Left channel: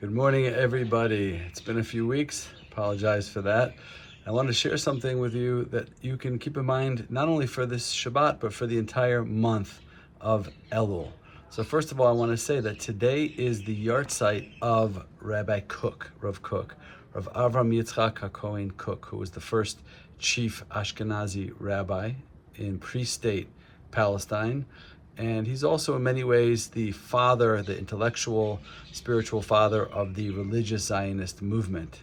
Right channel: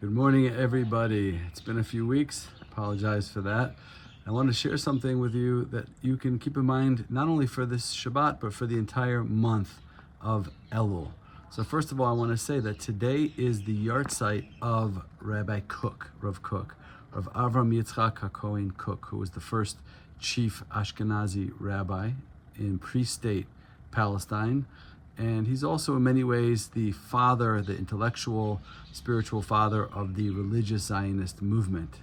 Good morning, everybody. It's been a few weeks. Apologize for that. I want to share something with you that you can keep in mind not only for this Shabbat, but for the entire month of Elul. So first of all, I want to say that today is the yahrzeit of Rabbi Cook, Rav Avram Yitzchak HaKohen Cook, who was the first chief Ashkenazi rabbi in pre-state Palestine. And he's also in many ways the father, the intellectual, spiritual father of the religious Zionist movement.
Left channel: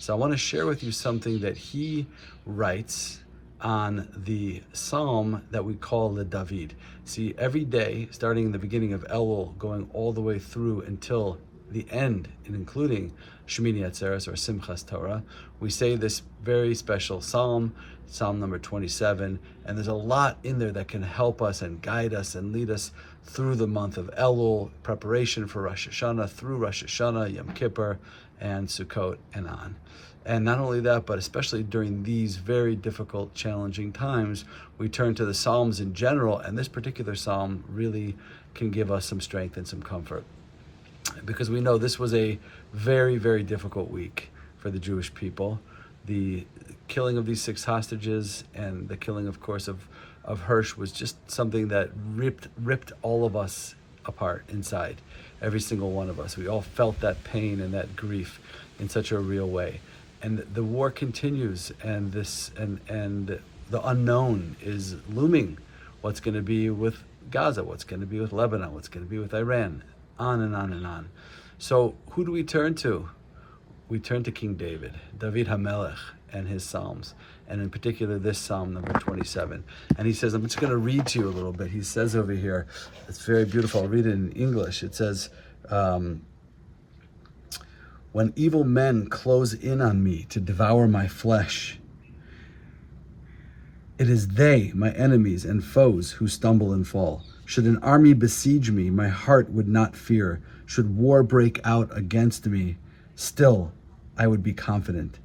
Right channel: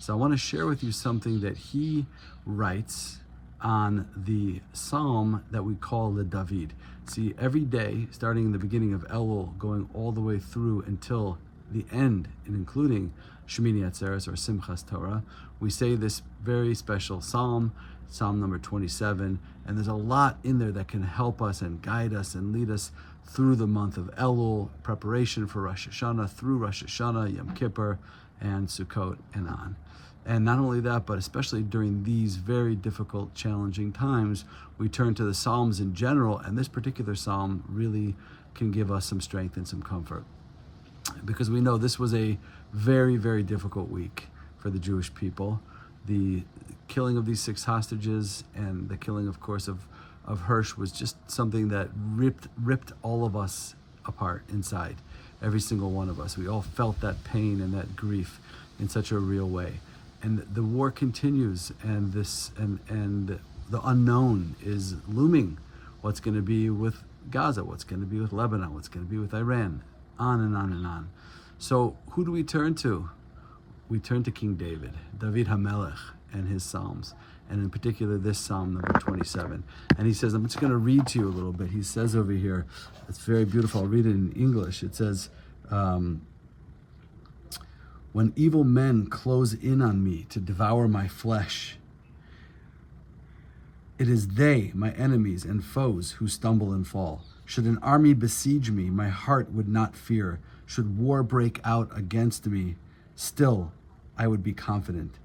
So I want to share with you something that he writes on the psalm that we call the David. See, every day, starting in the beginning of Elul, going all the way through until the end, and including Shemini Atzeres or Simchas Torah, we say this very special psalm, Psalm number 27, and there's a lot in there that can help us and guide us and lead us through the month of Elul, preparation for Rosh Hashanah, through Rosh Hashanah, Yom Kippur, and Sukkot, and on. And not only that, but especially during these very difficult, challenging times, we turn to the Psalms in general, and this particular psalm really can give us some strength and some comfort. Because we know this was a very, very difficult week for the Jewish people. The killing of these 6 hostages and the killing, of course, of Hirsch was just something that ripped all of us apart inside, every single one of us. We all felt that pain and that grief in such a real way. And the war continues, and the unknown is looming. What's going to be with Gaza? What's going to be with Lebanon? What's going to be with Iran? On and on and on. So who do we turn to? We turn to King David HaMelech, and his Psalms, and in particular this Psalm number 27. And he says, I'm just going to read to you a little bit. He says over here, it's very beautiful. I'll read it in English. It says, when evil men close in on me to devour my flesh, it is they, my enemies and foes, who stumble and fall. Should an army besiege me, my heart would not fear. Should war break out against me, still I would be confident.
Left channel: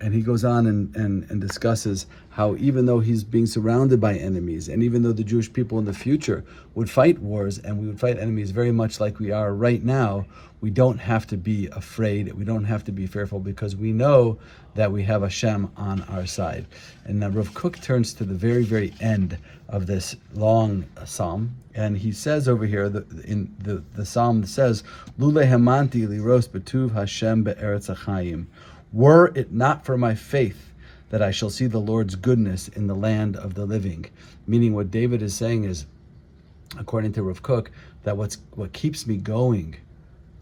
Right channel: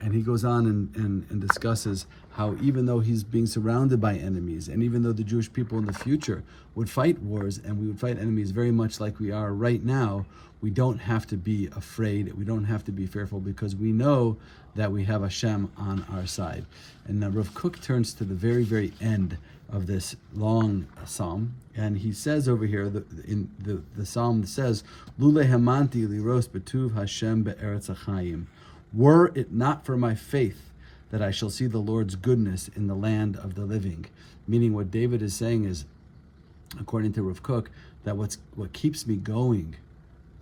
And he goes on and discusses how even though he's being surrounded by enemies, and even though the Jewish people in the future would fight wars and we would fight enemies very much like we are right now, we don't have to be afraid, we don't have to be fearful, because we know that we have Hashem on our side. And now Rav Kook turns to the very, very end of this long psalm, and he says over here, in the psalm says, Lule hamanti liros betuv Hashem be'eretz hachayim. Were it not for my faith that I shall see the Lord's goodness in the land of the living. Meaning what David is saying is, according to Rav Kook, that what keeps me going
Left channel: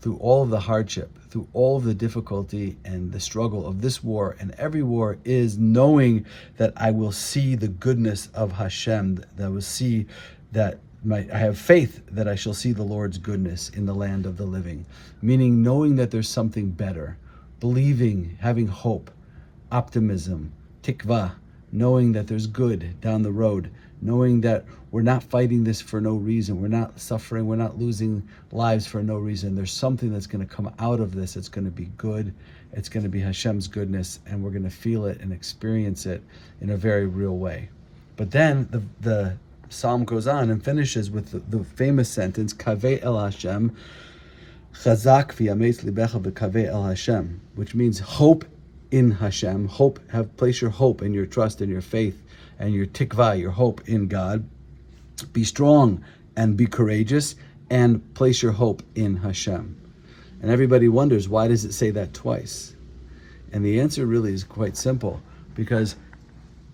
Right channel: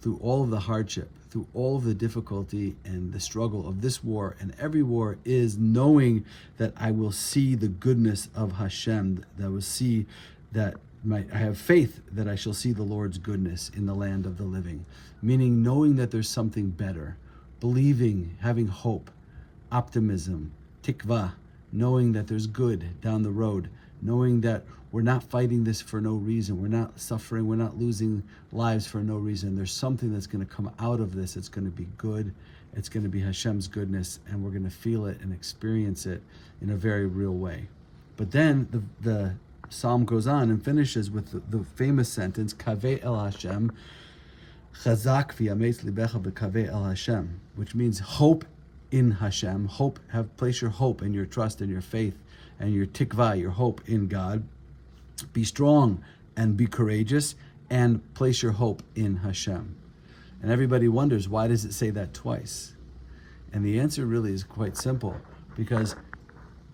through all of the hardship, through all of the difficulty and the struggle of this war and every war, is knowing that I will see the goodness of Hashem, that I will see that I have faith that I shall see the Lord's goodness in the land of the living. Meaning knowing that there's something better, believing, having hope, optimism, tikva, knowing that there's good down the road, knowing that we're not fighting this for no reason, we're not suffering, we're not losing lives for no reason. There's something that's going to come out of this. It's going to be good. It's going to be Hashem's goodness, and we're going to feel it and experience it in a very real way. But then the psalm goes on and finishes with the famous sentence, Kaveh el Hashem, Chazak v'yametz libecha b'kaveh el Hashem, which means hope in Hashem. Place your hope and your trust and your faith and your tikva, your hope in God. Be strong and be courageous, and place your hope in Hashem. And everybody wonders, why does it say that twice? And the answer really is quite simple, because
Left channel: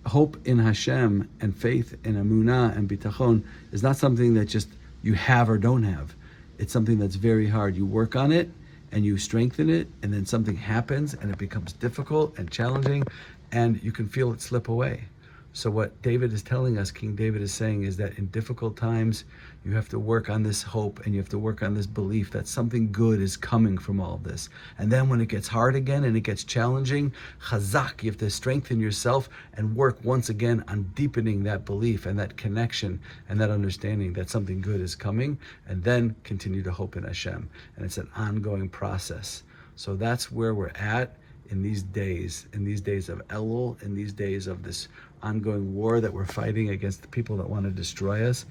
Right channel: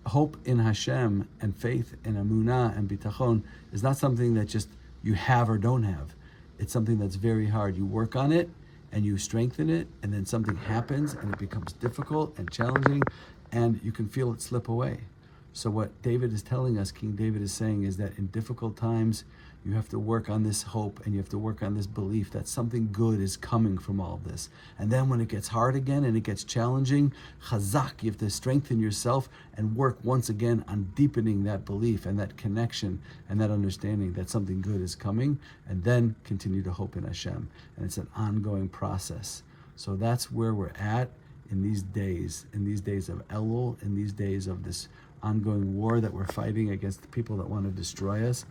hope in Hashem and faith in Emunah and Bitachon is not something that just you have or don't have. It's something that's very hard. You work on it and you strengthen it, and then something happens and it becomes difficult and challenging, and you can feel it slip away. So what David is telling us, King David is saying, is that in difficult times, you have to work on this hope and you have to work on this belief that something good is coming from all of this. And then when it gets hard again and it gets challenging, chazak, you have to strengthen yourself and work once again on deepening that belief and that connection and that understanding that something good is coming, and then continue to hope in Hashem. And it's an ongoing process. So that's where we're at in these days of Elul, in these days of this ongoing war that we're fighting against the people that want to destroy us.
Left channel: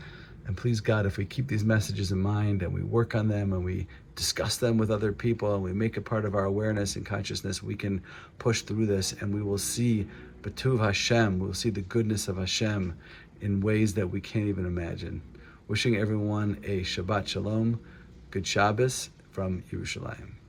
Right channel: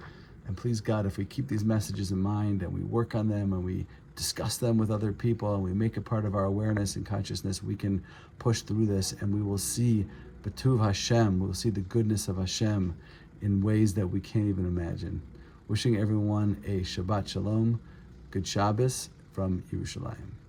And please God, if we keep these messages in mind and we work on them and we discuss them with other people and we make it part of our awareness and consciousness, we can push through this and we will see B'tuv Hashem, we'll see the goodness of Hashem in ways that we can't even imagine. Wishing everyone a Shabbat Shalom, good Shabbos from Yerushalaim.